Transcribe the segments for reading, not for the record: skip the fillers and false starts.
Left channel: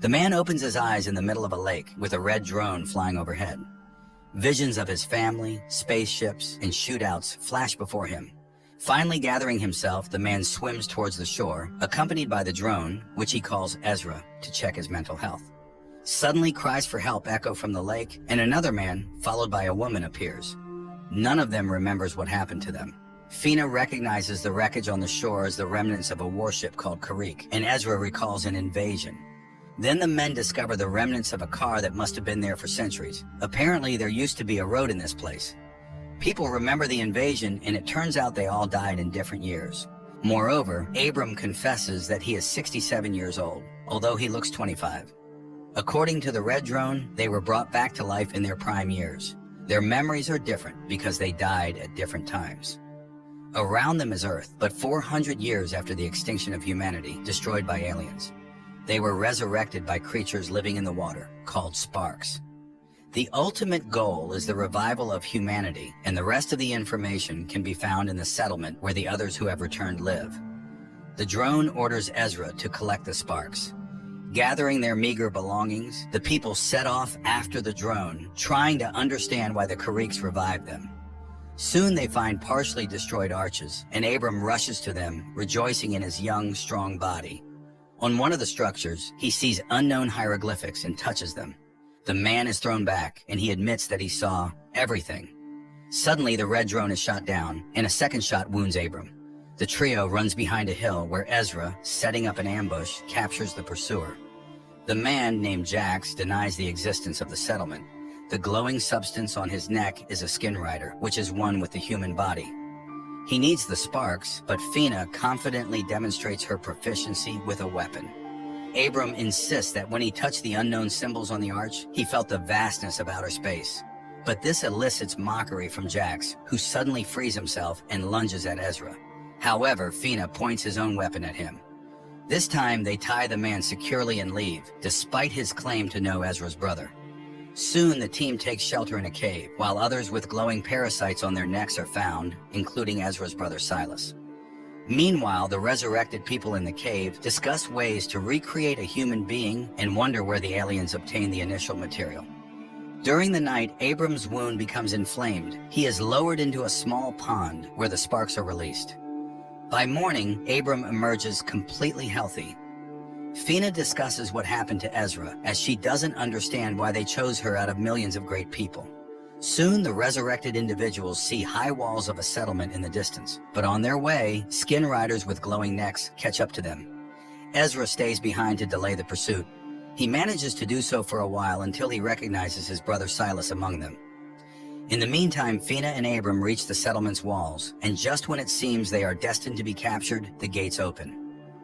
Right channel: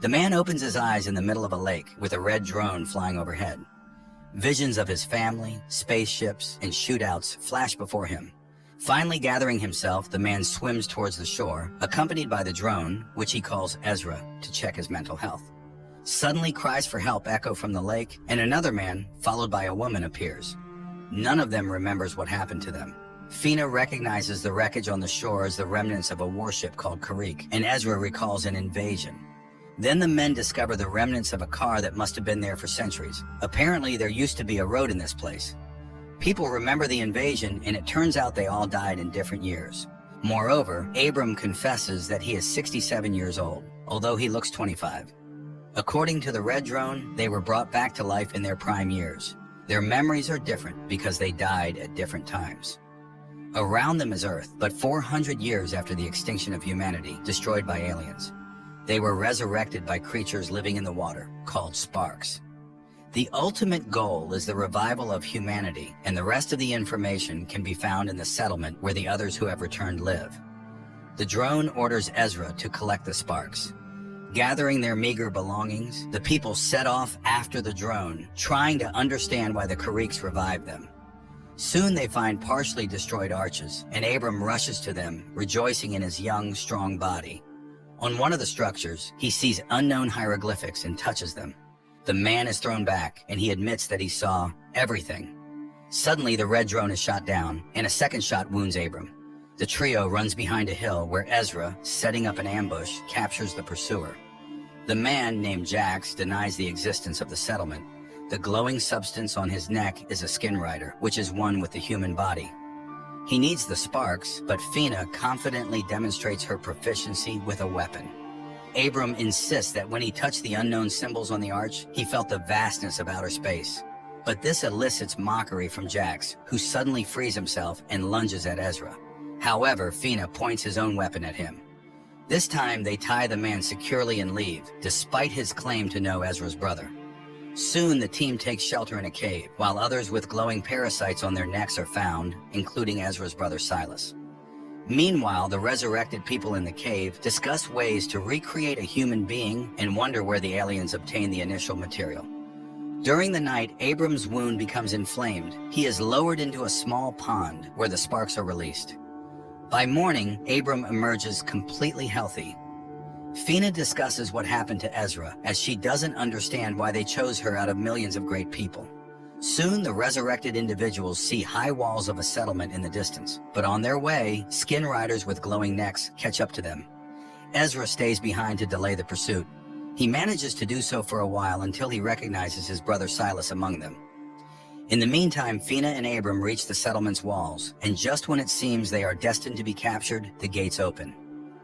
The man opens his eyes in the middle of a lake with a red drone flying overhead. Visions of his family, spaceships, and shootouts flash before him. Finally gathering himself, the man swims towards the shore, accompanied by the drone, which he calls Ezra, to check his mental health. Suddenly, cries for help echo from the lake, and another man, followed by a woman, appears. None of them remembers what happened to them. Fina recognizes the wreckage on the shore as the remnants of a warship called Karik, and Ezra recalls an invasion. Then the men discover the remnants of a car that must have been there for centuries. Apparently, there used to be a road in this place. People remember the invasion, and it turns out they all died in different years. Moreover, Abram confesses that he is 67 years old, although he looks 25. According to the red drone, they were brought back to life in their prime years. Their memories are different because they died at different times. Around them is Earth, but 400 years after the extinction of humanity, destroyed by aliens. They were resurrected by creatures living in the water, called sparks. The ultimate goal is the revival of humanity, and the rest of the information can be found in the settlement where the others who have returned live. The drone orders Ezra to collect the sparks. Gathering their meager belongings, the people set off after the drone, trying to understand why the Kariks revived them. Soon they find partially destroyed arches, and Abram rushes to them, rejoicing in his young, strong body. On one of the structures, he sees unknown hieroglyphics and touches them. The man is thrown back, and he admits that he saw everything. Suddenly, the red drone is shot down, and a second shot wounds Abram. The trio runs behind a hill where Ezra, setting up an ambush, captures the pursuer. The man, named Jax, denies the existence of the settlement. The glowing substance on his neck is a skin rider, which is one with the human body. He needs the sparks, but Fina confidently demonstrates her proficiency with a weapon. Abram insists that when he touched the unknown symbols on the arch, he felt the vastness of outer space. But this elicits mockery from Jax, who suddenly frees himself and lunges at Ezra. However, Fina points his own weapon at him. This time, they tie the man securely and leave, despite his claim to know Ezra's brother. Soon, the team takes shelter in a cave, while others with glowing parasites on their necks are found, including Ezra's brother Silas. Meanwhile, the resurrected people in the cave discuss ways to recreate a human being and wonder where the aliens obtained the initial material. During the night, Abram's wound becomes inflamed. He is lowered into a small pond where the sparks are released. By morning, Abram emerges completely healthy. Fina discusses what happened to Ezra, as she doesn't understand why they chose her out of millions of great people. Soon, the resurrected individuals see high walls of a settlement in the distance, but on their way, skin riders with glowing necks catch up to them. Ezra stays behind to delay the pursuit. He manages to do so for a while until he recognizes his brother Silas among them. In the meantime, Fina and Abram reach the settlement's walls, and just when it seems they are destined to be captured, the gates open.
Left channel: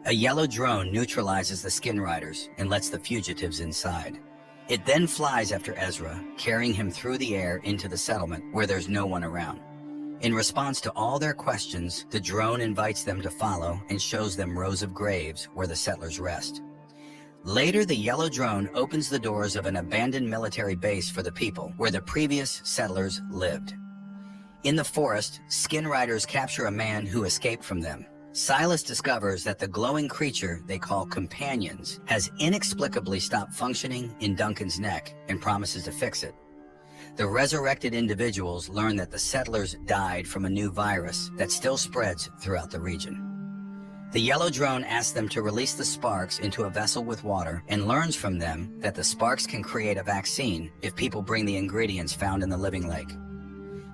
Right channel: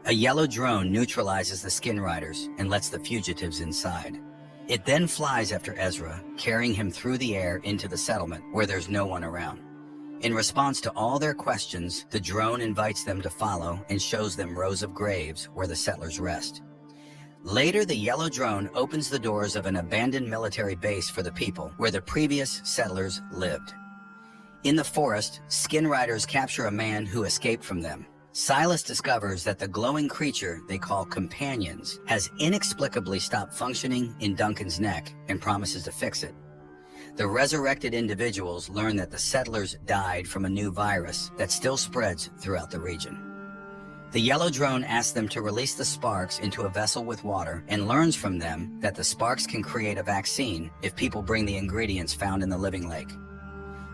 A yellow drone neutralizes the skin riders and lets the fugitives inside. It then flies after Ezra, carrying him through the air into the settlement where there's no one around. In response to all their questions, the drone invites them to follow and shows them rows of graves where the settlers rest. Later, the yellow drone opens the doors of an abandoned military base for the people where the previous settlers lived. In the forest, skin riders capture a man who escaped from them. Silas discovers that the glowing creature they call companions has inexplicably stopped functioning in Duncan's neck and promises to fix it. The resurrected individuals learn that the settlers died from a new virus that still spreads throughout the region. The yellow drone asks them to release the sparks into a vessel with water and learns from them that the sparks can create a vaccine if people bring the ingredients found in the living lake.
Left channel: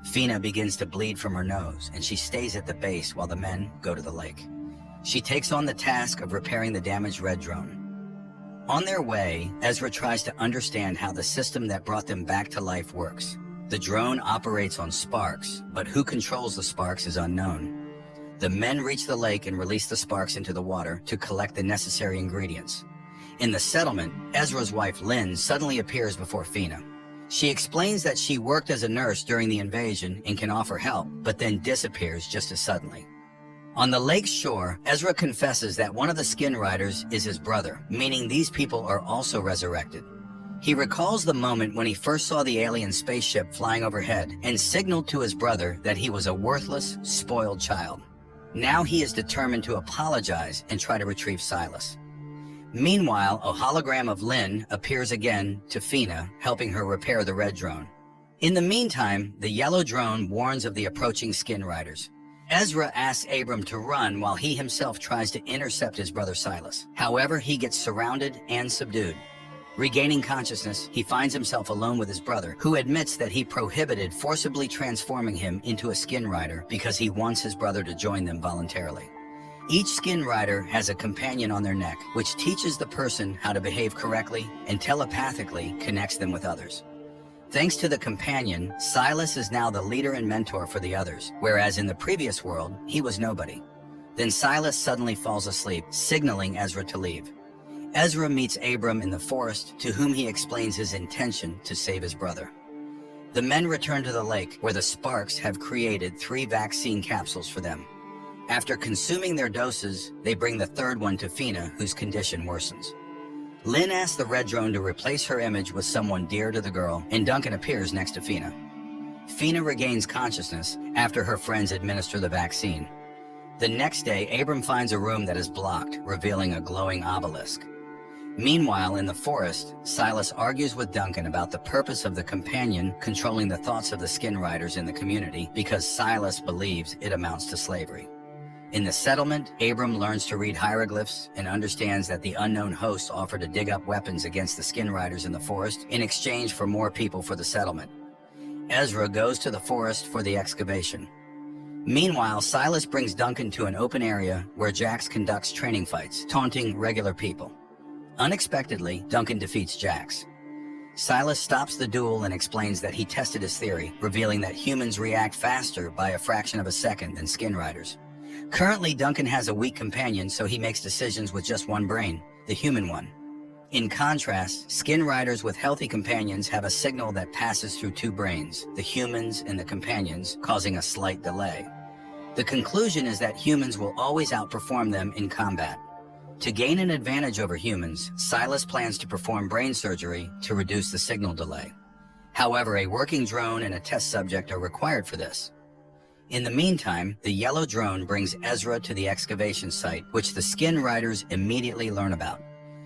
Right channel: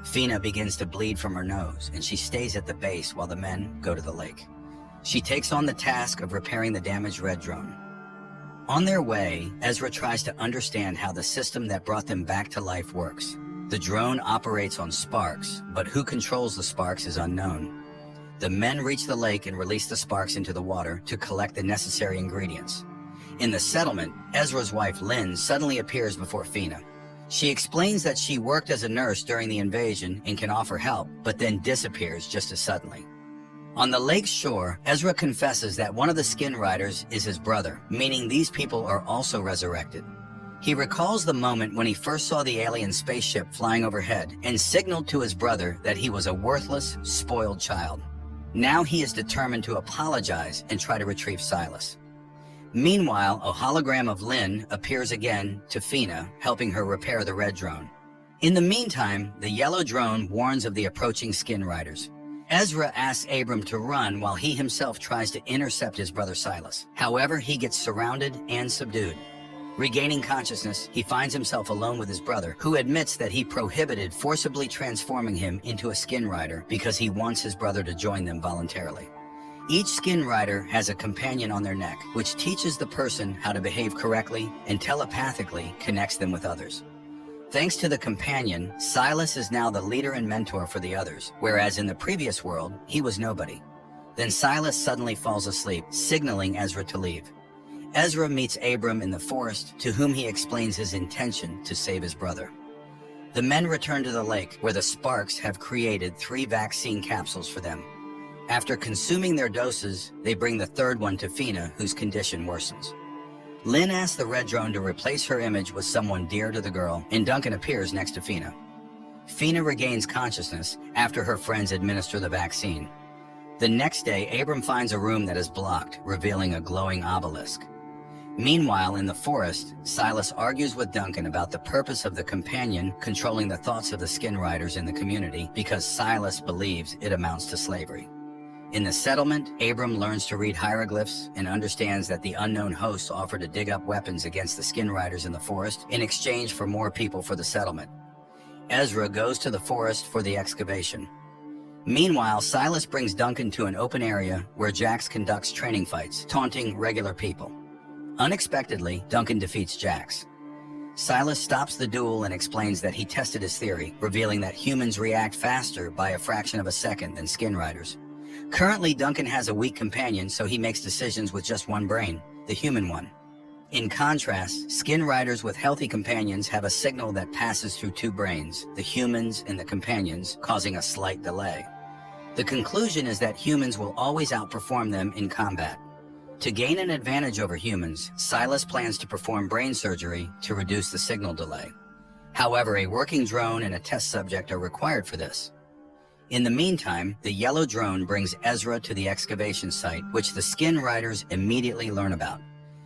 Fina begins to bleed from her nose, and she stays at the base while the men go to the lake. She takes on the task of repairing the damaged red drone. On their way, Ezra tries to understand how the system that brought them back to life works. The drone operates on sparks, but who controls the sparks is unknown. The men reach the lake and release the sparks into the water to collect the necessary ingredients. In the settlement, Ezra's wife Lynn suddenly appears before Fina. She explains that she worked as a nurse during the invasion and can offer help, but then disappears just as suddenly. On the lake's shore, Ezra confesses that one of the skin riders is his brother, meaning these people are also resurrected. He recalls the moment when he first saw the alien spaceship flying overhead and signaled to his brother that he was a worthless, spoiled child. Now he is determined to apologize and try to retrieve Silas. Meanwhile, a hologram of Lynn appears again to Fina, helping her repair the red drone. In the meantime, the yellow drone warns of the approaching skin riders. Ezra asks Abram to run while he himself tries to intercept his brother Silas. However, he gets surrounded and subdued. Regaining consciousness, he finds himself alone with his brother, who admits that he prohibited forcibly transforming him into a skin rider because he wants his brother to join them voluntarily. Each skin rider has a companion on their neck, which teaches the person how to behave correctly and telepathically connects them with others. Thanks to the companion, Silas is now the leader and mentor for the others, whereas in the previous world, he was nobody. Then Silas suddenly falls asleep, signaling Ezra to leave. Ezra meets Abram in the forest, to whom he explains his intention to save his brother. The men return to the lake, where the Sparks have created 3 vaccine capsules for them. After consuming their doses, they bring the third one to Fina, whose condition worsens. Lynn asks the red drone to replace her image with someone dear to the girl, and Duncan appears next to Fina. Fina regains consciousness after her friends administer the vaccine. The next day, Abram finds a room that is blocked, revealing a glowing obelisk. Meanwhile, in the forest, Silas argues with Duncan about the purpose of the companion controlling the thoughts of the skin riders in the community because Silas believes it amounts to slavery. In the settlement, Abram learns to read hieroglyphs and understands that the unknown hosts offer to dig up weapons against the skin riders in the forest in exchange for more people for the settlement. Ezra goes to the forest for the excavation. Meanwhile, Silas brings Duncan to an open area where Jax conducts training fights, taunting regular people. Unexpectedly, Duncan defeats Jax. Silas stops the duel and explains that he tested his theory, revealing that humans react faster by a fraction of a second than skin riders. Currently, Duncan has a weak companion, so he makes decisions with just one brain, the human one. In contrast, skin riders with healthy companions have a signal that passes through 2 brains, the humans and the companions, causing a slight delay. The conclusion is that humans will always outperform them in combat. To gain an advantage over humans, Silas plans to perform brain surgery to reduce the signal delay. However, a working drone and a test subject are required for this. In the meantime, the yellow drone brings Ezra to the excavation site, which the skin riders immediately learn about.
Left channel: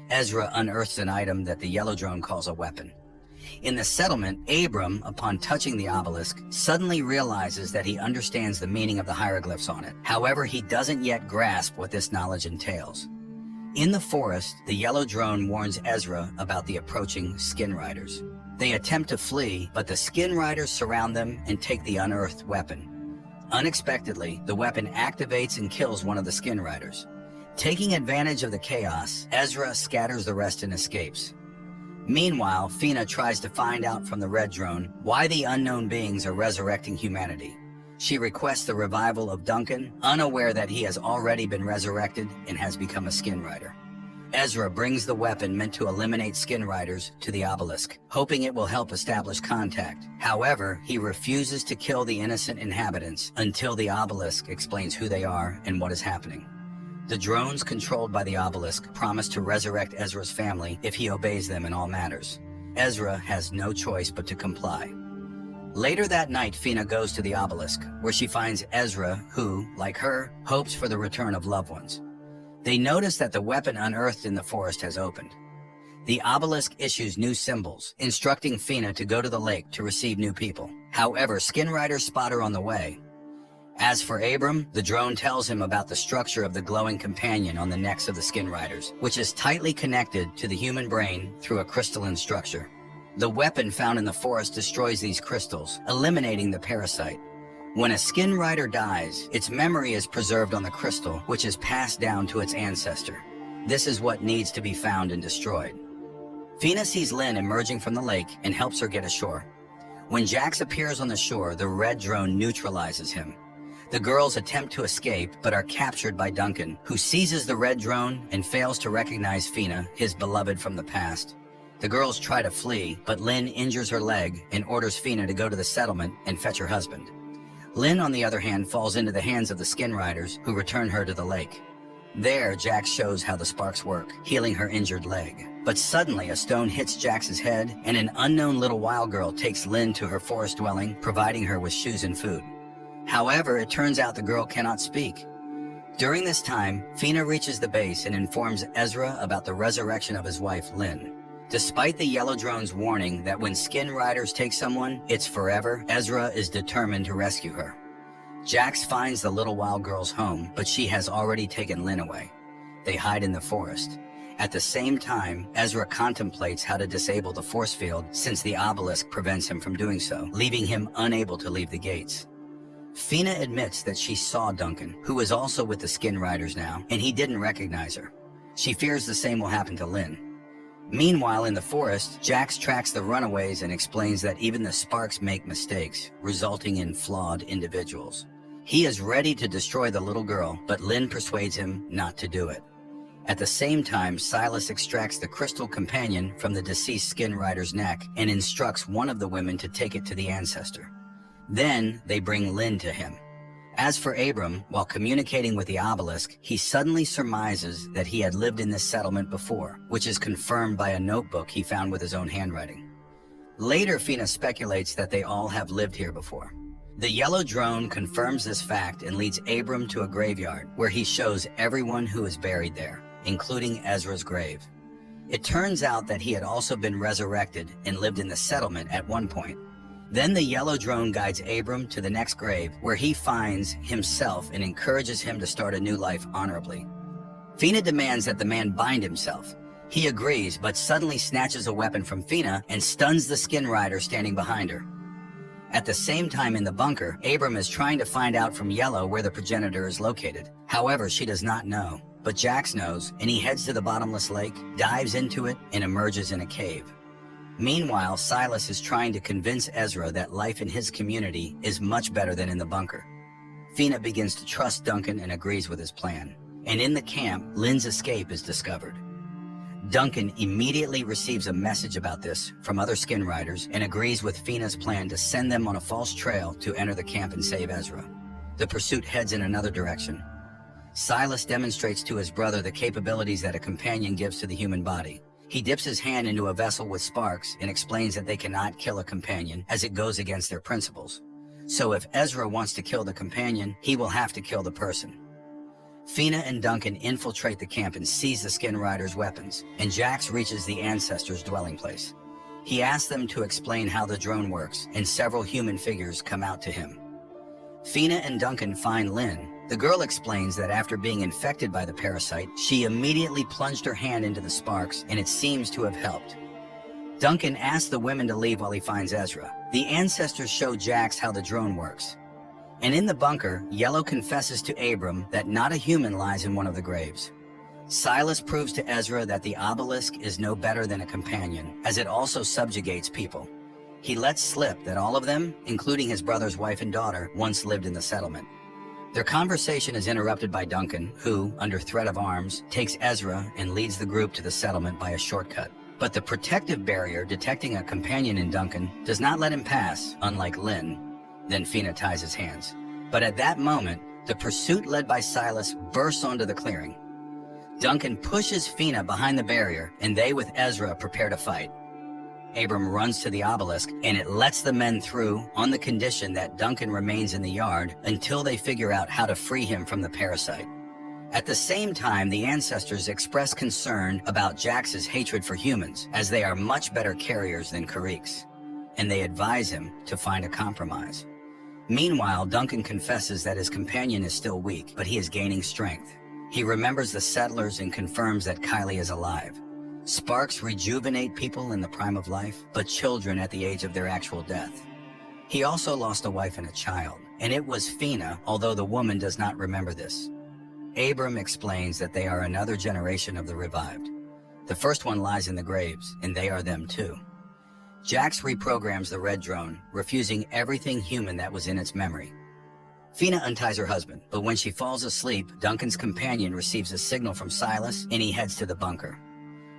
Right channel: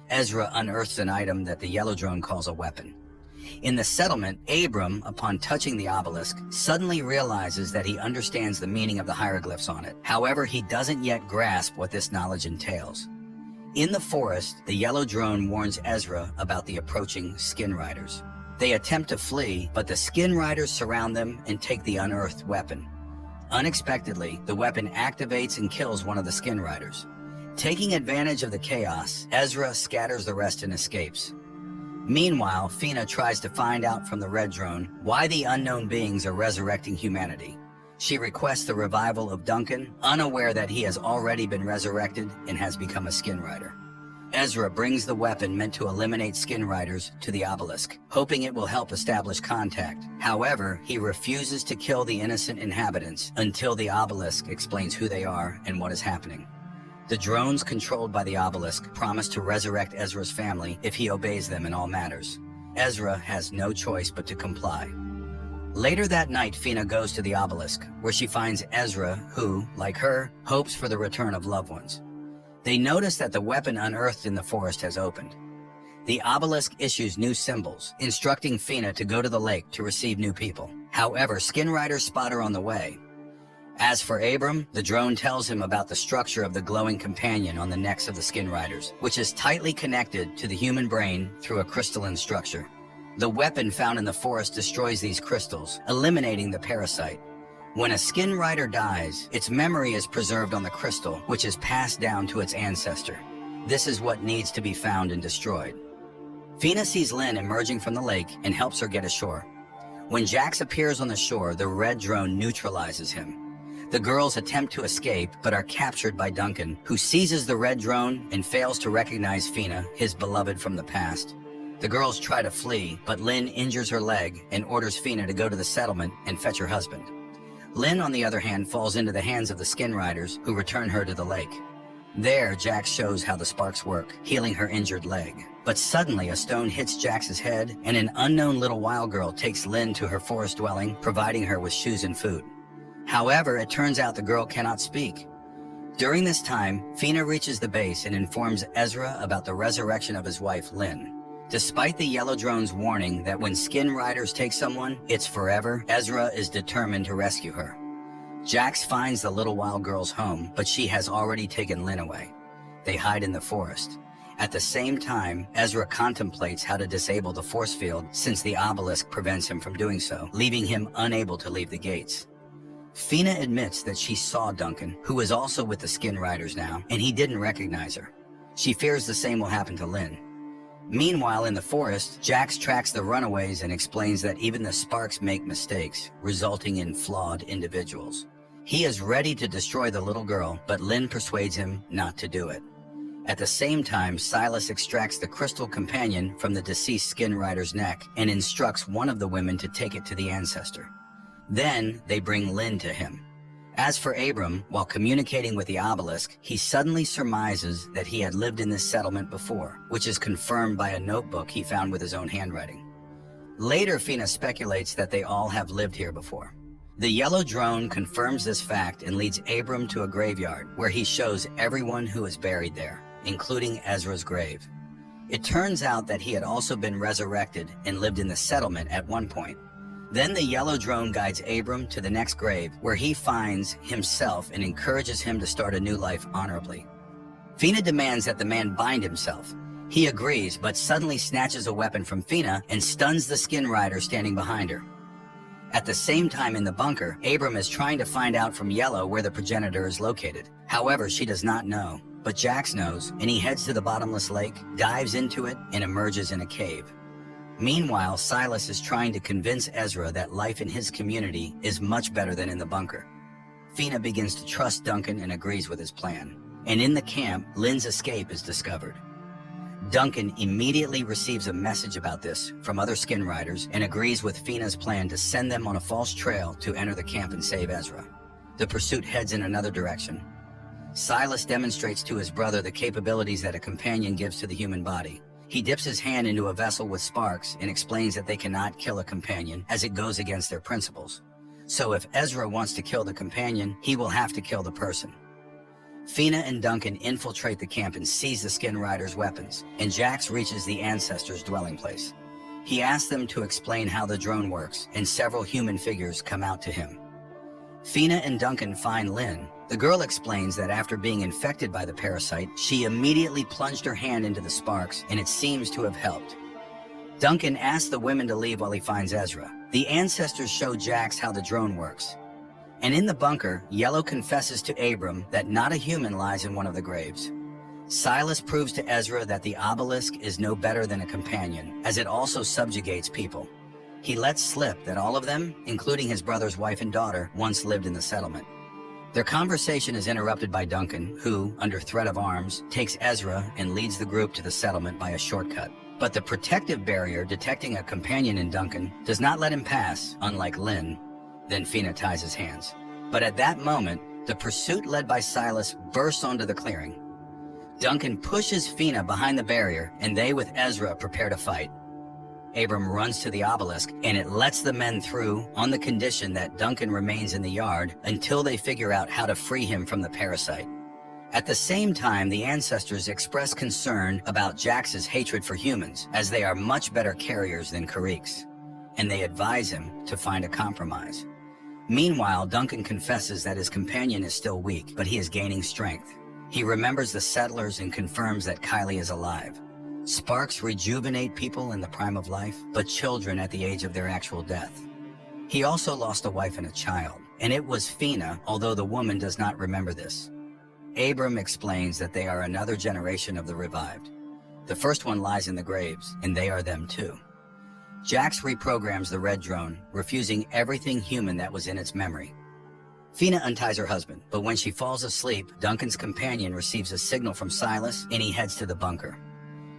Ezra unearths an item that the yellow drone calls a weapon. In the settlement, Abram, upon touching the obelisk, suddenly realizes that he understands the meaning of the hieroglyphs on it. However, he doesn't yet grasp what this knowledge entails. In the forest, the yellow drone warns Ezra about the approaching skin riders. They attempt to flee, but the skin riders surround them and take the unearthed weapon. Unexpectedly, the weapon activates and kills one of the skin riders. Taking advantage of the chaos, Ezra scatters the rest and escapes. Meanwhile, Fina tries to find out from the red drone why the unknown beings are resurrecting humanity. She requests the revival of Duncan, unaware that he has already been resurrected and has become a skin rider. Ezra brings the weapon meant to eliminate skin riders to the obelisk, hoping it will help establish contact. However, he refuses to kill the innocent inhabitants until the obelisk explains who they are and what is happening. The drones controlled by the obelisk promise to resurrect Ezra's family if he obeys them in all matters. Ezra has no choice but to comply. Later that night, Fina goes to the obelisk, where she finds Ezra, who, like her, hopes for the return of loved ones. They notice that the weapon unearthed in the forest has opened. The obelisk issues new symbols, instructing Fina to go to the lake to receive new people. However, skin riders spot her on the way. As for Abram, the drone tells him about the structure of the glowing companion on the necks of the skin riders, which is tightly connected to the human brain through a crystalline structure. The weapon found in the forest destroys these crystals, eliminating the parasite. When a skin rider dies, its memory is preserved on the crystal, which is passed down to its ancestor. This is what needs to be found and destroyed. Fina sees Lynn emerging from the lake and helps her get ashore. When Jax appears on the shore, the red drone neutralizes him. The girls attempt to escape, but are captured by Duncan, who seizes the red drone and fails to recognize Fina, his beloved from the past. The girls try to flee, but Lynn injures her leg and orders Fina to go to the settlement and fetch her husband. Lynn, on the other hand, falls into the hands of the skin riders, who return her to the lake. There, Jax shows how the sparks work, healing her injured leg. But suddenly, a stone hits Jax's head, and an unknown little wild girl takes Lynn to her forest dwelling, providing her with shoes and food. However, it turns out the girl cannot speak. During this time, Fina reaches the base and informs Ezra about the resurrection of his wife, Lynn. Despite the yellow drone's warning that when skin riders take someone, it's forever, Ezra is determined to rescue her. Jax finds the little wild girl's home, but she has already taken Lynn away. They hide in the forest. At the same time, Ezra contemplates how to disable the force field since the obelisk prevents him from doing so, leaving him unable to leave the gates. Fina admits that she saw Duncan, who is also with the skin riders now, and he didn't recognize her. She fears the same will happen to Lynn. Meanwhile, in the forest, Jax tracks the runaways and explains that even the sparks make mistakes, resulting in flawed individuals. He is ready to destroy the little girl, but Lynn persuades him not to do it. At the same time, Silas extracts the crystal companion from the deceased skin rider's neck and instructs one of the women to take it to the ancestor. Then, they bring Lynn to him. As for Abram, while communicating with the obelisk, he suddenly surmises that he had lived in this settlement before, which is confirmed by a notebook he found with his own handwriting. Later, Fina speculates that they all have lived here before. The yellow drone confirms this fact and leads Abram to a graveyard where he shows everyone who is buried there, including Ezra's grave. It turns out that he had also been resurrected and lived in the settlement at one point. Then the yellow drone guides Abram to the next grave, where he finds himself and encourages him to start a new life honorably. Fina demands that the man bind himself. He agrees, but suddenly snatches a weapon from Fina and stuns the skin rider standing behind her. At the same time in the bunker, Abram is trying to find out from Yellow where the progenitor is located. However, she does not know, but Jax knows, and he heads to the bottomless lake, dives into it, and emerges in a cave. Meanwhile, Silas is trying to convince Ezra that life in his community is much better than in the bunker. Fina begins to trust Duncan and agrees with his plan. And in the camp, Lynn's escape is discovered. Duncan immediately receives a message about this from other skin riders and agrees with Fina's plan to send them on a false trail to enter the camp and save Ezra. The pursuit heads in another direction. Silas demonstrates to his brother the capabilities that a companion gives to the human body. He dips his hand into a vessel with sparks and explains that they cannot kill a companion as it goes against their principles. So if Ezra wants to kill the companion, he will have to kill the person. Fina and Duncan infiltrate the camp and seize the skin riders' weapons, and Jax reaches the ancestors' dwelling place. He asks them to explain how the drone works, and several human figures come out to him. Fina and Duncan find Lynn. The girl explains that after being infected by the parasite, she immediately plunged her hand into the sparks, and it seems to have helped. Duncan asks the women to leave while he finds Ezra. The ancestors show Jax how the drone works. And in the bunker, Yellow confesses to Abram that not a human lies in one of the graves. Silas proves to Ezra that the obelisk is no better than a companion, as it also subjugates people. He lets slip that all of them, including his brother's wife and daughter, once lived in the settlement. Their conversation is interrupted by Duncan, who, under threat of arms, takes Ezra and leads the group to the settlement by a shortcut. But the protective barrier detecting a companion in Duncan does not let him pass, unlike Lynn. Then Fina ties his hands. But at that moment, the pursuit led by Silas bursts onto the clearing. Duncan pushes Fina behind the barrier, and they with Ezra prepare to fight. Abram runs to the obelisk, and it lets the men through on the condition that Duncan remains in the yard until they figure out how to free him from the parasite. At the same time, the ancestors express concern about Jax's hatred for humans, as they are much better carriers than Kariks, and they advise him to find a compromise. Meanwhile, Duncan confesses that his companion is still weak, but he is gaining strength. He remembers the settlers and confirms that Kylie is alive. Sparks rejuvenate people in the prime of life, but children at the age of their actual death. He also lost a wife and a child, and it was Fina, although the woman does not remember this. Abram explains that they are another generation of the revived. The first one lies in the graves, and they are them too. Jax reprograms the red drone, refusing everything human that was in its memory. Fina unties her husband, but when she falls asleep, Duncan's companion receives a signal from Silas, and he heads to the bunker.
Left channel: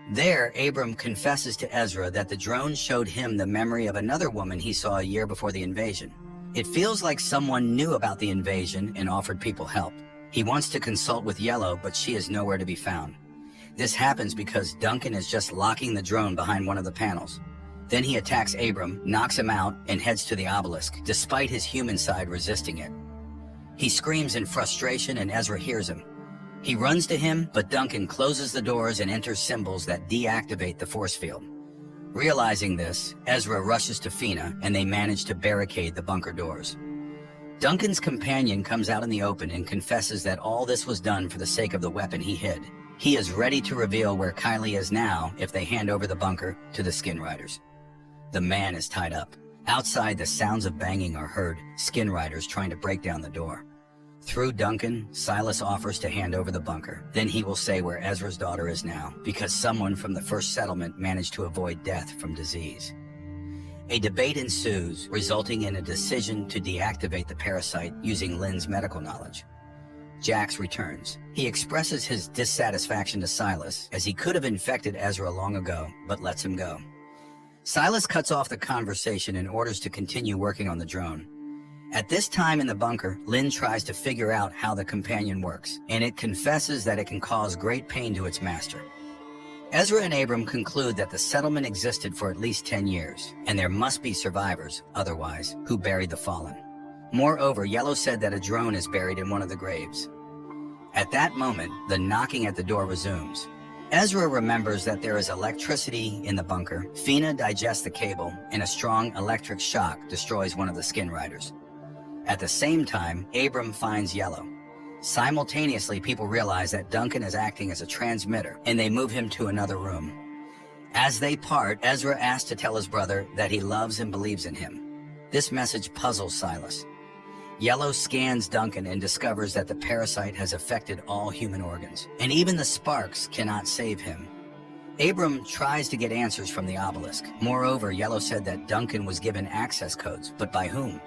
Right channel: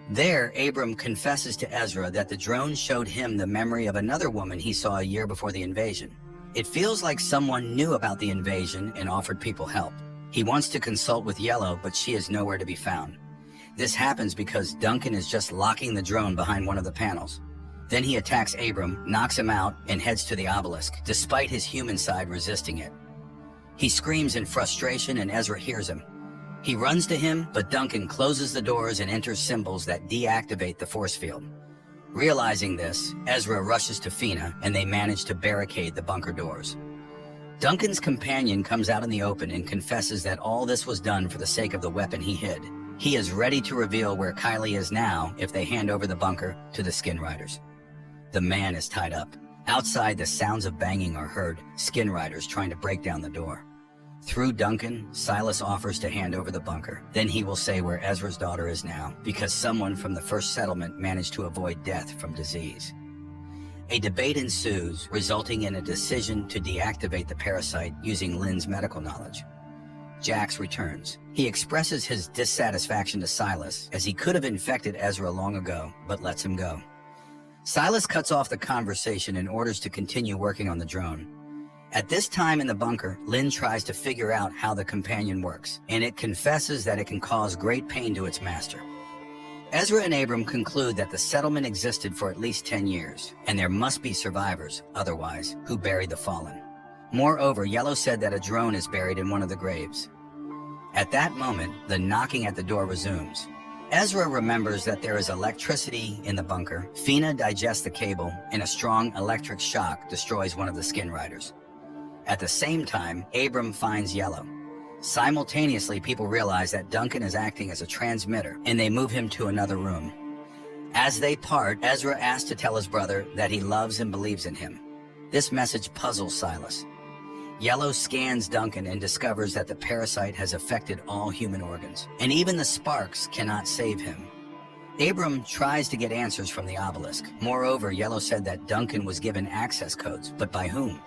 There, Abram confesses to Ezra that the drone showed him the memory of another woman he saw a year before the invasion. It feels like someone knew about the invasion and offered people help. He wants to consult with Yellow, but she is nowhere to be found. This happens because Duncan is just locking the drone behind one of the panels. Then he attacks Abram, knocks him out, and heads to the obelisk, despite his human side resisting it. He screams in frustration and Ezra hears him. He runs to him, but Duncan closes the doors and enters symbols that deactivate the force field. Realizing this, Ezra rushes to Fina and they manage to barricade the bunker doors. Duncan's companion comes out in the open and confesses that all this was done for the sake of the weapon he hid. He is ready to reveal where Kylie is now if they hand over the bunker to the Skin Riders. The man is tied up. Outside, the sounds of banging are heard, Skin Riders trying to break down the door. Through Duncan, Silas offers to hand over the bunker. Then he will say where Ezra's daughter is now, because someone from the first settlement managed to avoid death from disease. A debate ensues, resulting in a decision to deactivate the parasite using Lynn's medical knowledge. Jax returns. He expresses his dissatisfaction to Silas, as he could have infected Ezra long ago, but lets him go. Silas cuts off the conversation and orders to continue working on the drone. At this time in the bunker, Lynn tries to figure out how the companion works, and it confesses that it can cause great pain to its master. Ezra and Abram conclude that the settlement existed for at least 10 years, and there must be survivors, otherwise, who buried the fallen. Moreover, Yellow said that a drone is buried in one of the graves. At that moment, the knocking at the door resumes. Ezra remembers that there is electricity in the bunker. Fina digests the cable, and a strong electric shock destroys one of the Skin Riders. At the same time, Abram finds Yellow. Simultaneously, people realize that Duncan is acting as a transmitter, and they move him to another room. As they part, Ezra asks to tell his brother that he loves and believes in him. This message puzzles Silas. Yellow scans Duncan and discovers that the parasite has affected all human organs, and even the sparks cannot save him. Abram tries to get answers from the obelisk. Moreover, Yellow said that Duncan was given access codes, but by whom?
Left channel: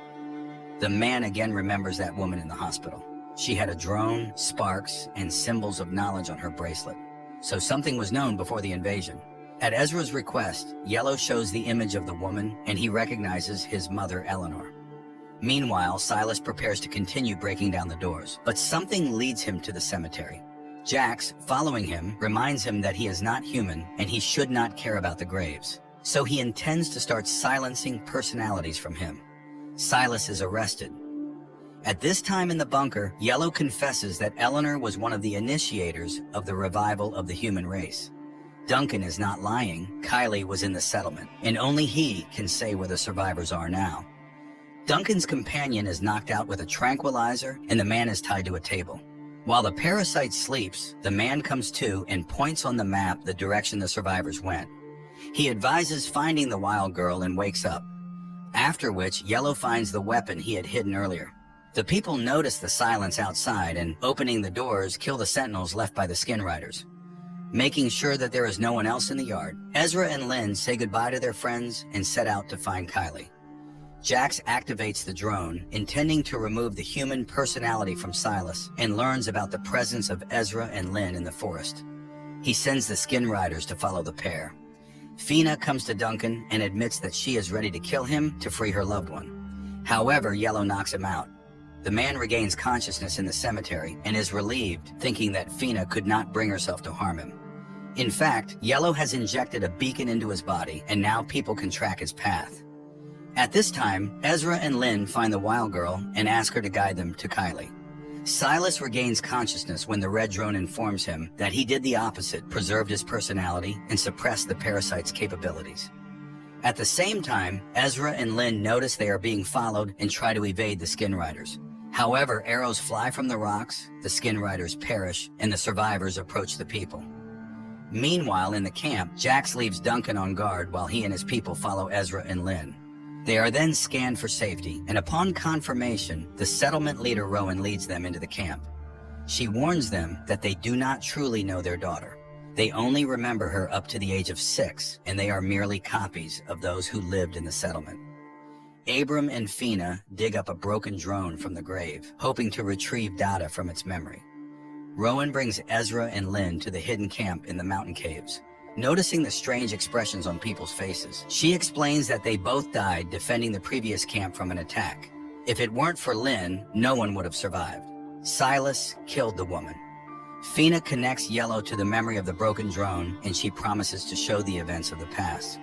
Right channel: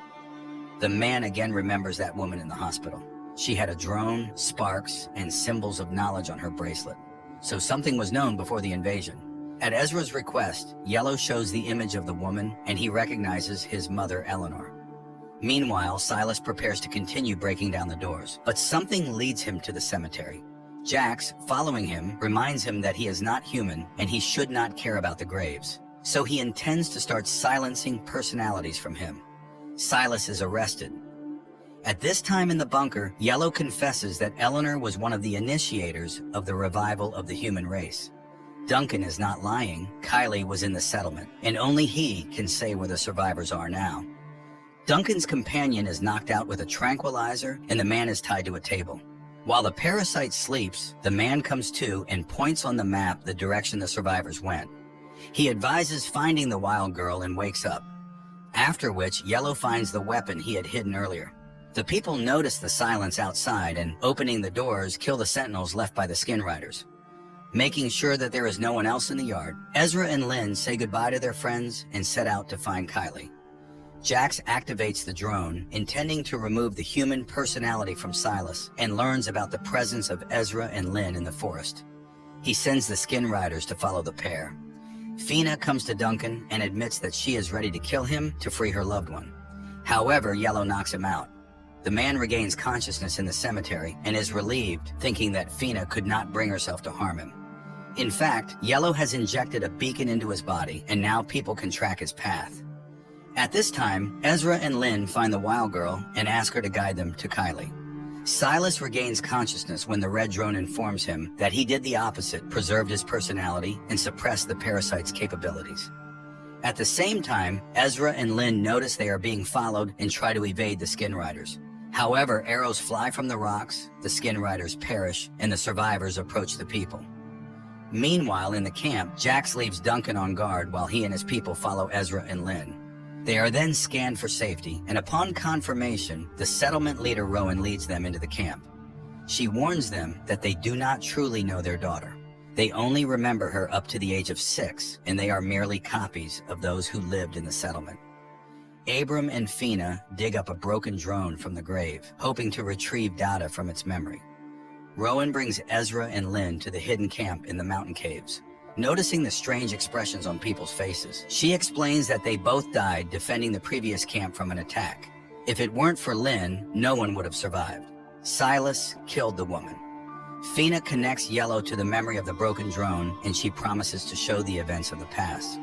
The man again remembers that woman in the hospital. She had a drone, sparks, and symbols of knowledge on her bracelet. So something was known before the invasion. At Ezra's request, Yellow shows the image of the woman, and he recognizes his mother, Eleanor. Meanwhile, Silas prepares to continue breaking down the doors, but something leads him to the cemetery. Jax, following him, reminds him that he is not human and he should not care about the graves. So he intends to start silencing personalities from him. Silas is arrested. At this time in the bunker, Yellow confesses that Eleanor was one of the initiators of the revival of the human race. Duncan is not lying. Kylie was in the settlement, and only he can say where the survivors are now. Duncan's companion is knocked out with a tranquilizer, and the man is tied to a table. While the parasite sleeps, the man comes to and points on the map the direction the survivors went. He advises finding the wild girl and wakes up, after which Yellow finds the weapon he had hidden earlier. The people notice the silence outside and, opening the doors, kill the sentinels left by the Skin Riders. Making sure that there is no one else in the yard, Ezra and Lynn say goodbye to their friends and set out to find Kylie. Jax activates the drone, intending to remove the human personality from Silas, and learns about the presence of Ezra and Lynn in the forest. He sends the Skin Riders to follow the pair. Fina comes to Duncan and admits that she is ready to kill him to free her loved one. However, Yellow knocks him out. The man regains consciousness in the cemetery and is relieved, thinking that Fina could not bring herself to harm him. In fact, Yellow has injected a beacon into his body, and now people can track his path. At this time, Ezra and Lynn find the wild girl and ask her to guide them to Kylie. Silas regains consciousness when the red drone informs him that he did the opposite, preserved his personality, and suppressed the parasite's capabilities. At the same time, Ezra and Lynn notice they are being followed and try to evade the Skin Riders. However, arrows fly from the rocks, the Skin Riders perish, and the survivors approach the people. Meanwhile, in the camp, Jax leaves Duncan on guard while he and his people follow Ezra and Lynn. They are then scanned for safety, and upon confirmation, the settlement leader Rowan leads them into the camp. She warns them that they do not truly know their daughter. They only remember her up to the age of 6, and they are merely copies of those who lived in the settlement. Abram and Fina dig up a broken drone from the grave, hoping to retrieve data from its memory. Rowan brings Ezra and Lynn to the hidden camp in the mountain caves. Noticing the strange expressions on people's faces, she explains that they both died defending the previous camp from an attack. If it weren't for Lynn, no one would have survived. Silas killed the woman. Fina connects Yellow to the memory of the broken drone, and she promises to show the events of the past.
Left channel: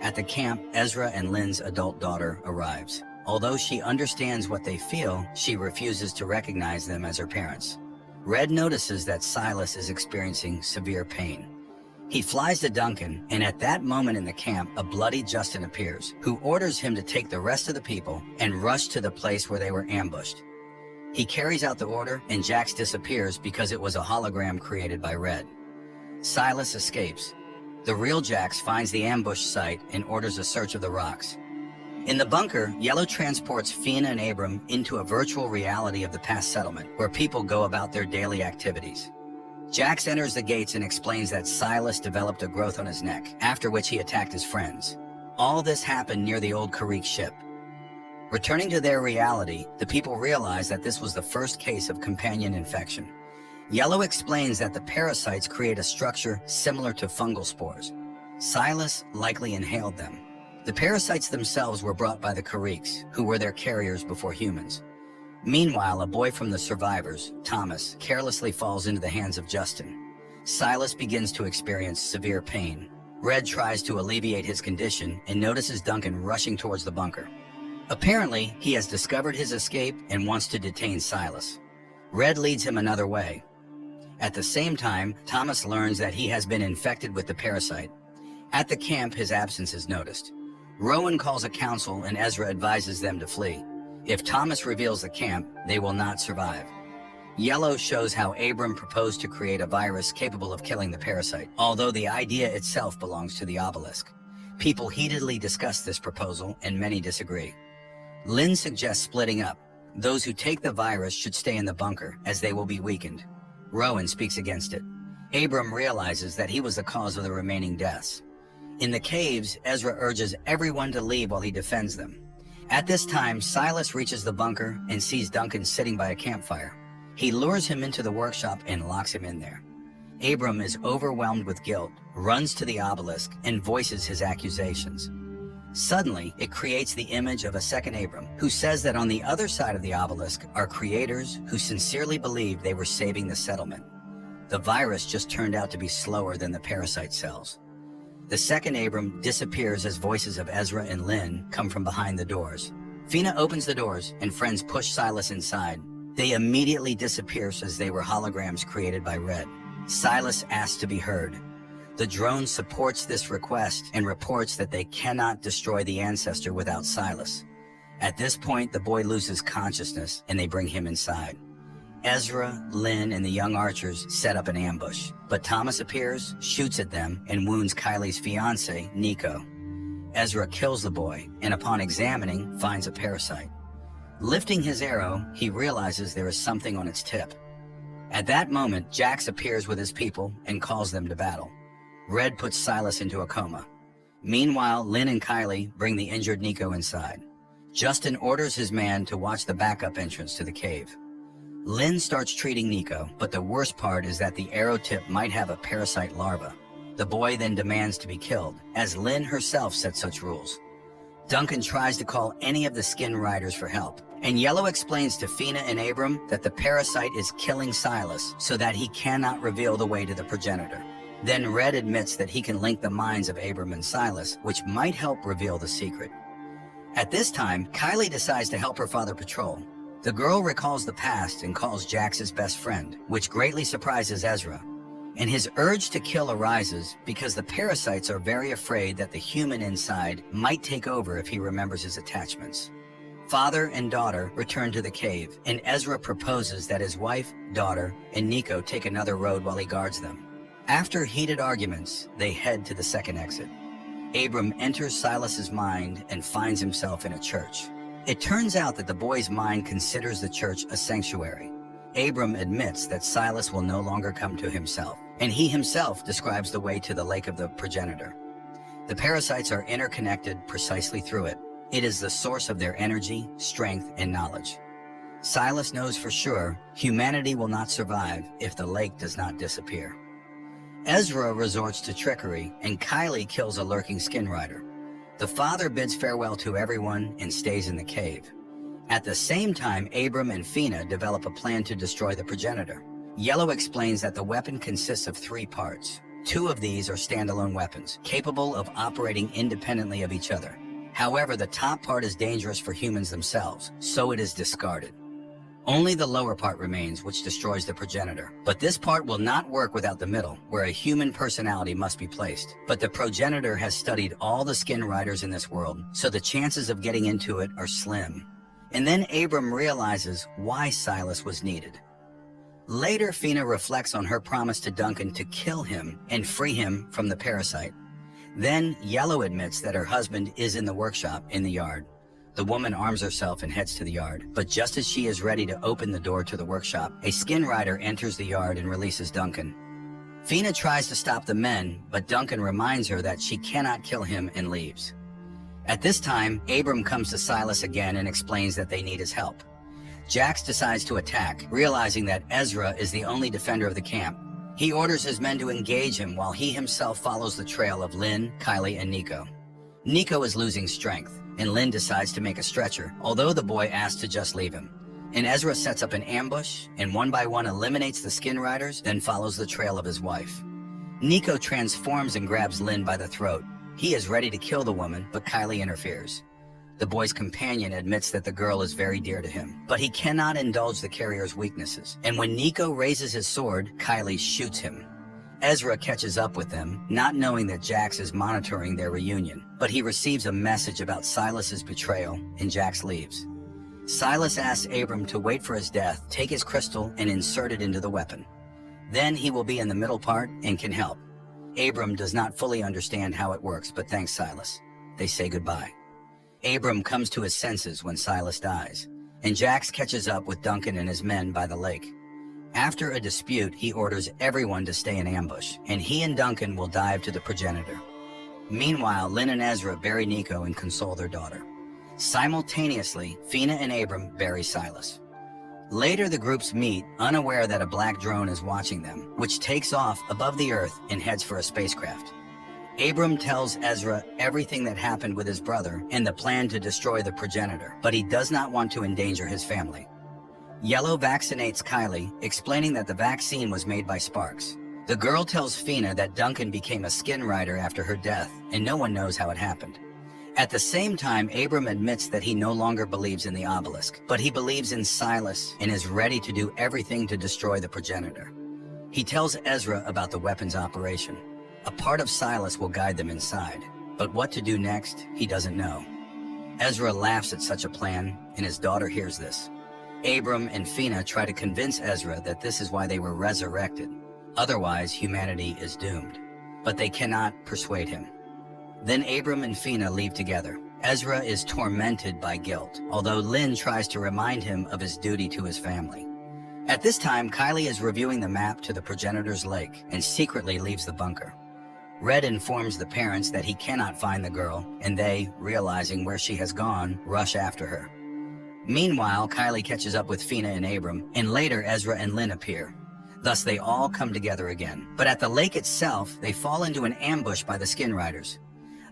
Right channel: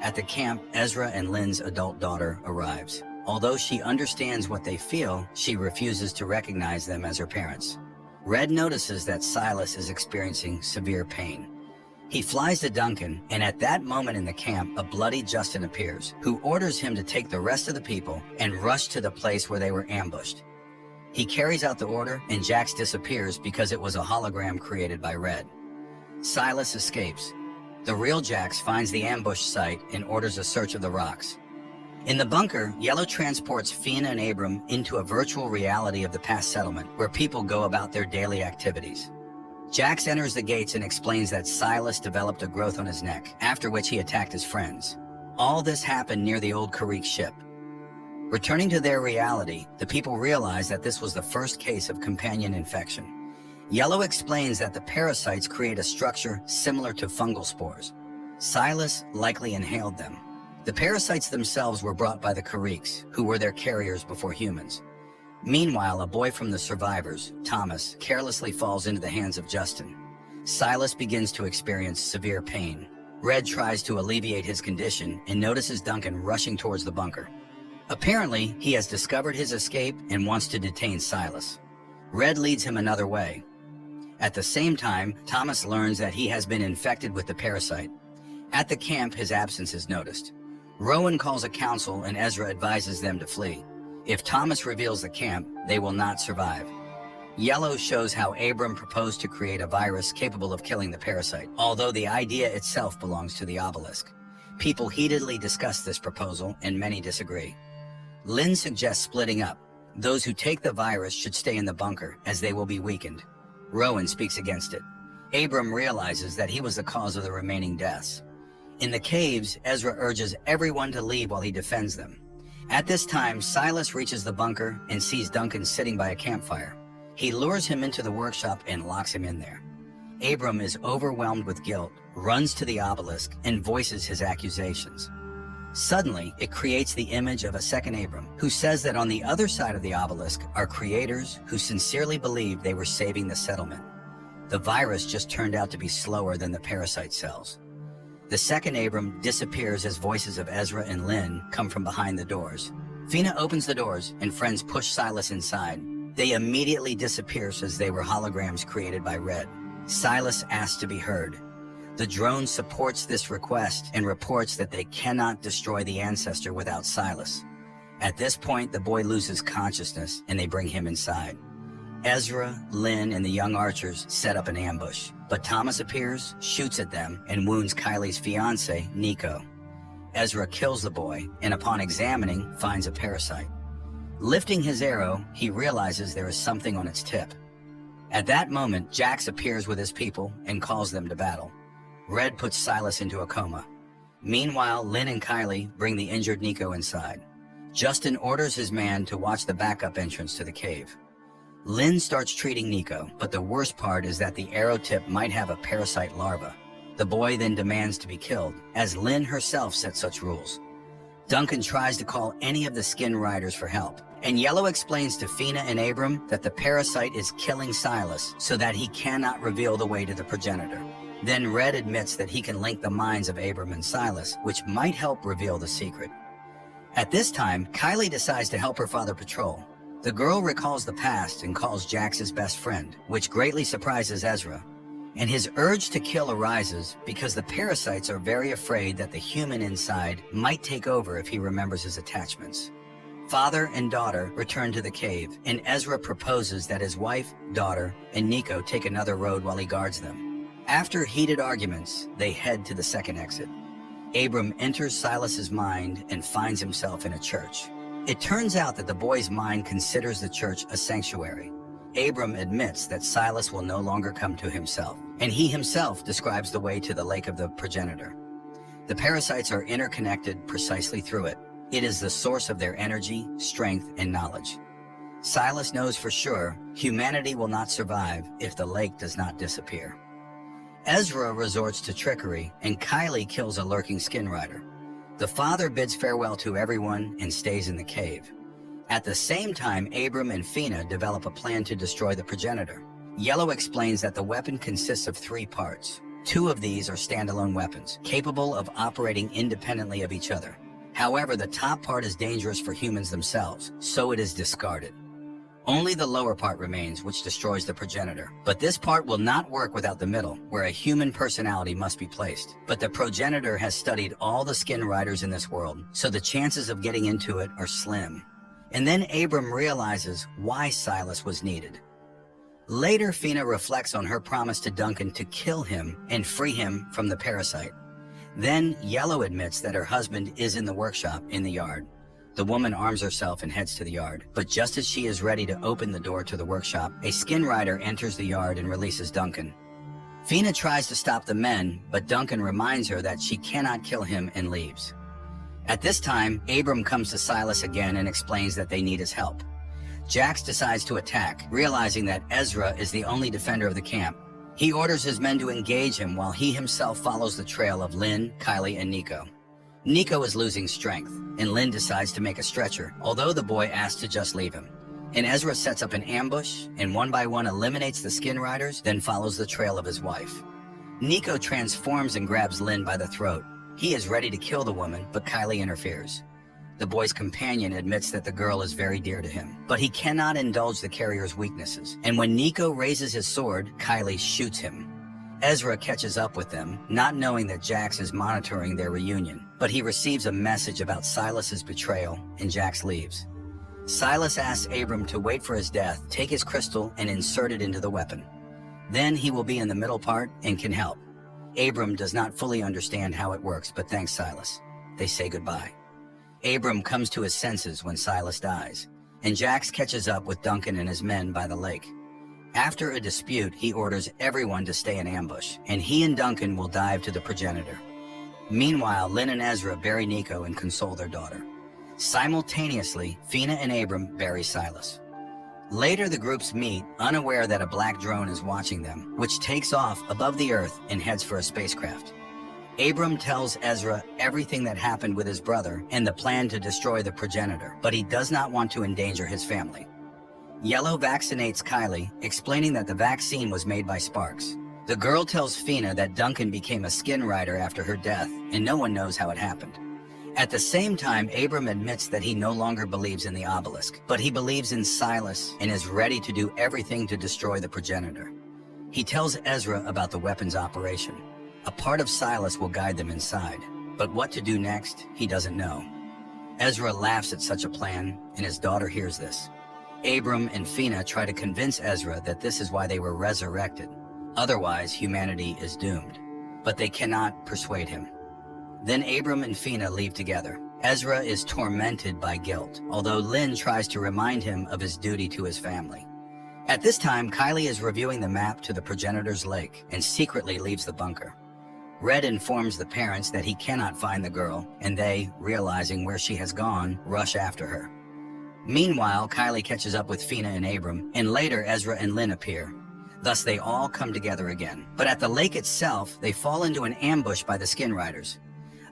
At the camp, Ezra and Lynn's adult daughter arrives. Although she understands what they feel, she refuses to recognize them as her parents. Red notices that Silas is experiencing severe pain. He flies to Duncan, and at that moment in the camp, a bloody Justin appears, who orders him to take the rest of the people and rush to the place where they were ambushed. He carries out the order, and Jax disappears because it was a hologram created by Red. Silas escapes. The real Jax finds the ambush site and orders a search of the rocks. In the bunker, Yellow transports Fina and Abram into a virtual reality of the past settlement, where people go about their daily activities. Jax enters the gates and explains that Silas developed a growth on his neck, after which he attacked his friends. All this happened near the old Karrick ship. Returning to their reality, the people realize that this was the first case of companion infection. Yellow explains that the parasites create a structure similar to fungal spores. Silas likely inhaled them. The parasites themselves were brought by the Karricks, who were their carriers before humans. Meanwhile, a boy from the survivors, Thomas, carelessly falls into the hands of Justin. Silas begins to experience severe pain. Red tries to alleviate his condition and notices Duncan rushing towards the bunker. Apparently, he has discovered his escape and wants to detain Silas. Red leads him another way. At the same time, Thomas learns that he has been infected with the parasite. At the camp, his absence is noticed. Rowan calls a council and Ezra advises them to flee. If Thomas reveals the camp, they will not survive. Yellow shows how Abram proposed to create a virus capable of killing the parasite, although the idea itself belongs to the obelisk. People heatedly discuss this proposal, and many disagree. Lynn suggests splitting up. Those who take the virus should stay in the bunker, as they will be weakened. Rowan speaks against it. Abram realizes that he was the cause of the remaining deaths. In the caves, Ezra urges everyone to leave while he defends them. At this time, Silas reaches the bunker and sees Duncan sitting by a campfire. He lures him into the workshop and locks him in there. Abram is overwhelmed with guilt, runs to the obelisk, and voices his accusations. Suddenly, it creates the image of a second Abram, who says that on the other side of the obelisk are creators who sincerely believed they were saving the settlement. The virus just turned out to be slower than the parasite cells. The second Abram disappears as voices of Ezra and Lynn come from behind the doors. Fina opens the doors, and friends push Silas inside. They immediately disappear as they were holograms created by Red. Silas asks to be heard. The drone supports this request and reports that they cannot destroy the ancestor without Silas. At this point, the boy loses consciousness, and they bring him inside. Ezra, Lynn, and the young archers set up an ambush, but Thomas appears, shoots at them, and wounds Kylie's fiancé, Nico. Ezra kills the boy, and upon examining, finds a parasite. Lifting his arrow, he realizes there is something on its tip. At that moment, Jax appears with his people and calls them to battle. Red puts Silas into a coma. Meanwhile, Lynn and Kylie bring the injured Nico inside. Justin orders his man to watch the backup entrance to the cave. Lynn starts treating Nico, but the worst part is that the arrow tip might have a parasite larva. The boy then demands to be killed, as Lynn herself set such rules. Duncan tries to call any of the skin riders for help, and Yellow explains to Fina and Abram that the parasite is killing Silas so that he cannot reveal the way to the progenitor. Then Red admits that he can link the minds of Abram and Silas, which might help reveal the secret. At this time, Kylie decides to help her father patrol. The girl recalls the past and calls Jax his best friend, which greatly surprises Ezra. And his urge to kill arises because the parasites are very afraid that the human inside might take over if he remembers his attachments. Father and daughter return to the cave, and Ezra proposes that his wife, daughter, and Nico take another road while he guards them. After heated arguments, they head to the second exit. Abram enters Silas's mind and finds himself in a church. It turns out that the boy's mind considers the church a sanctuary. Abram admits that Silas will no longer come to himself, and he himself describes the way to the lake of the progenitor. The parasites are interconnected precisely through it. It is the source of their energy, strength, and knowledge. Silas knows for sure humanity will not survive if the lake does not disappear. Ezra resorts to trickery, and Kylie kills a lurking skin rider. The father bids farewell to everyone and stays in the cave. At the same time, Abram and Fina develop a plan to destroy the progenitor. Yellow explains that the weapon consists of 3 parts. 2 of these are standalone weapons, capable of operating independently of each other. However, the top part is dangerous for humans themselves, so it is discarded. Only the lower part remains, which destroys the progenitor. But this part will not work without the middle, where a human personality must be placed. But the progenitor has studied all the skin riders in this world, so the chances of getting into it are slim. And then Abram realizes why Silas was needed. Later, Fina reflects on her promise to Duncan to kill him and free him from the parasite. Then Yellow admits that her husband is in the workshop in the yard. The woman arms herself and heads to the yard, but just as she is ready to open the door to the workshop, a skin rider enters the yard and releases Duncan. Fina tries to stop the men, but Duncan reminds her that she cannot kill him and leaves. At this time, Abram comes to Silas again and explains that they need his help. Jax decides to attack, realizing that Ezra is the only defender of the camp. He orders his men to engage him while he himself follows the trail of Lynn, Kylie, and Nico. Nico is losing strength, and Lynn decides to make a stretcher, although the boy asks to just leave him. And Ezra sets up an ambush, and one by one eliminates the skin riders, then follows the trail of his wife. Nico transforms and grabs Lynn by the throat. He is ready to kill the woman, but Kylie interferes. The boy's companion admits that the girl is very dear to him, but he cannot indulge the carrier's weaknesses. And when Nico raises his sword, Kylie shoots him. Ezra catches up with them, not knowing that Jax is monitoring their reunion, but he receives a message about Silas's betrayal, and Jax leaves. Silas asks Abram to wait for his death, take his crystal, and insert it into the weapon. Then he will be in the middle part and can help. Abram does not fully understand how it works, but thanks Silas. They say goodbye. Abram comes to his senses when Silas dies, and Jax catches up with Duncan and his men by the lake. After a dispute, he orders everyone to stay in ambush, and he and Duncan will dive to the progenitor. Meanwhile, Lynn and Ezra bury Nico and console their daughter. Simultaneously, Fina and Abram bury Silas. Later, the groups meet, unaware that a black drone is watching them, which takes off above the Earth and heads for a spacecraft. Abram tells Ezra everything that happened with his brother and the plan to destroy the progenitor, but he does not want to endanger his family. Yellow vaccinates Kylie, explaining that the vaccine was made by Sparks. The girl tells Fina that Duncan became a skin rider after her death, and no one knows how it happened. At the same time, Abram admits that he no longer believes in the obelisk, but he believes in Silas and is ready to do everything to destroy the progenitor. He tells Ezra about the weapon's operation. A part of Silas will guide them inside, but what to do next, he doesn't know. Ezra laughs at such a plan, and his daughter hears this. Abram and Fina try to convince Ezra that this is why they were resurrected. Otherwise, humanity is doomed. But they cannot persuade him. Then Abram and Fina leave together. Ezra is tormented by guilt, although Lynn tries to remind him of his duty to his family. At this time, Kylie is reviewing the map to the progenitor's lake and secretly leaves the bunker. Red informs the parents that he cannot find the girl, and they, realizing where she has gone, rush after her. Meanwhile, Kylie catches up with Fina and Abram, and later Ezra and Lynn appear. Thus, they all come together again. But at the lake itself, they fall into an ambush by the skin riders.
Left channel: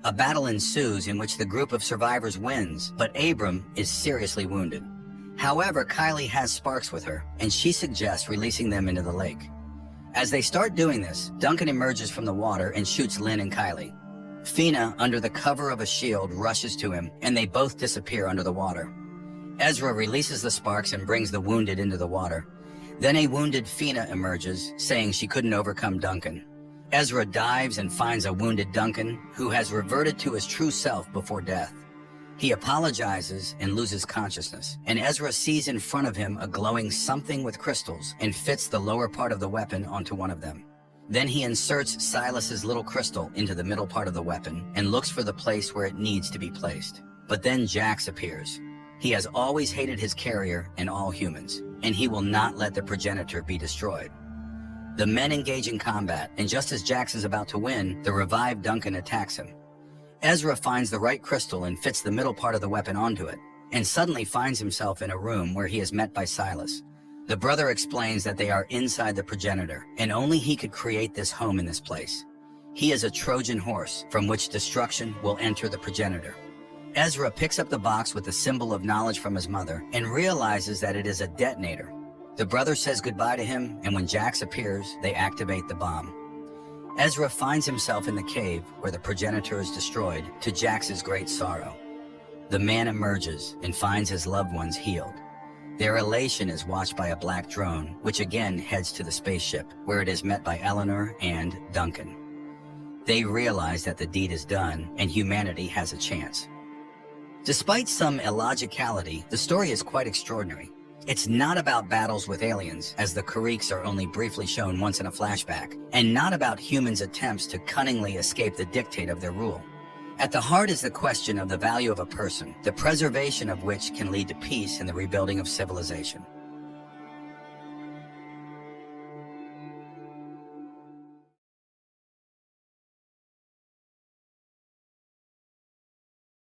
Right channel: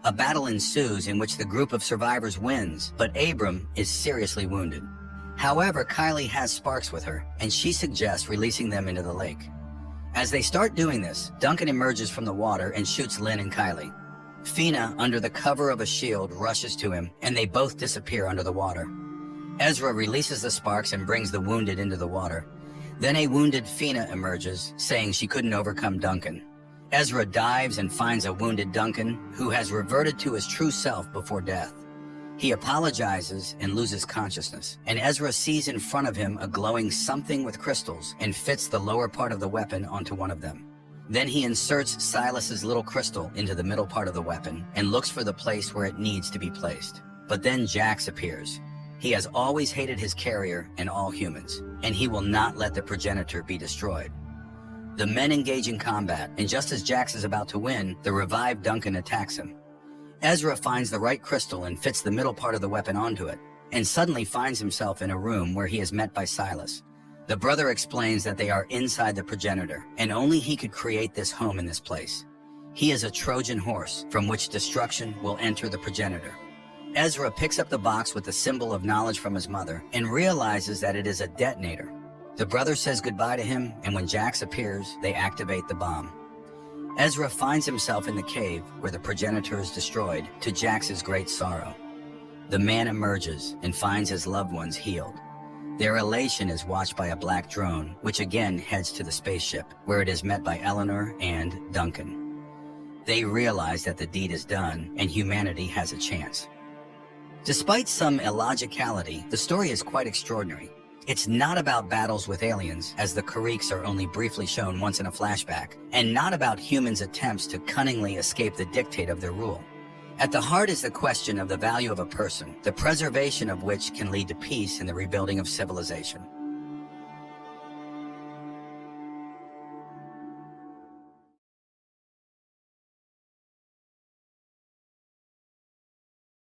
A battle ensues in which the group of survivors wins, but Abram is seriously wounded. However, Kylie has Sparks with her, and she suggests releasing them into the lake. As they start doing this, Duncan emerges from the water and shoots Lynn and Kylie. Fina, under the cover of a shield, rushes to him, and they both disappear under the water. Ezra releases the Sparks and brings the wounded into the water. Then a wounded Fina emerges, saying she couldn't overcome Duncan. Ezra dives and finds a wounded Duncan, who has reverted to his true self before death. He apologizes and loses consciousness, and Ezra sees in front of him a glowing something with crystals and fits the lower part of the weapon onto one of them. Then he inserts Silas's little crystal into the middle part of the weapon and looks for the place where it needs to be placed. But then Jax appears. He has always hated his carrier and all humans, and he will not let the progenitor be destroyed. The men engage in combat, and just as Jax is about to win, the revived Duncan attacks him. Ezra finds the right crystal and fits the middle part of the weapon onto it, and suddenly finds himself in a room where he is met by Silas. The brother explains that they are inside the progenitor, and only he could create this home in this place. He is a Trojan horse from which destruction will enter the progenitor. Ezra picks up the box with the symbol of knowledge from his mother and realizes that it is a detonator. The brother says goodbye to him, and when Jax appears, they activate the bomb. Ezra finds himself in the cave where the progenitor is destroyed, to Jax's great sorrow. The man emerges and finds his loved ones healed. Their elation is watched by a black drone, which again heads to the spaceship, where it is met by Eleanor and Duncan. They realize that the deed is done and humanity has a chance. Despite some illogicality, the story is quite extraordinary. It's not about battles with aliens, as the Kariks are only briefly shown once in a flashback, and not about humans' attempts to cunningly escape the dictate of their rule. At the heart is the question of the value of a person, the preservation of which can lead to peace and the rebuilding of civilization.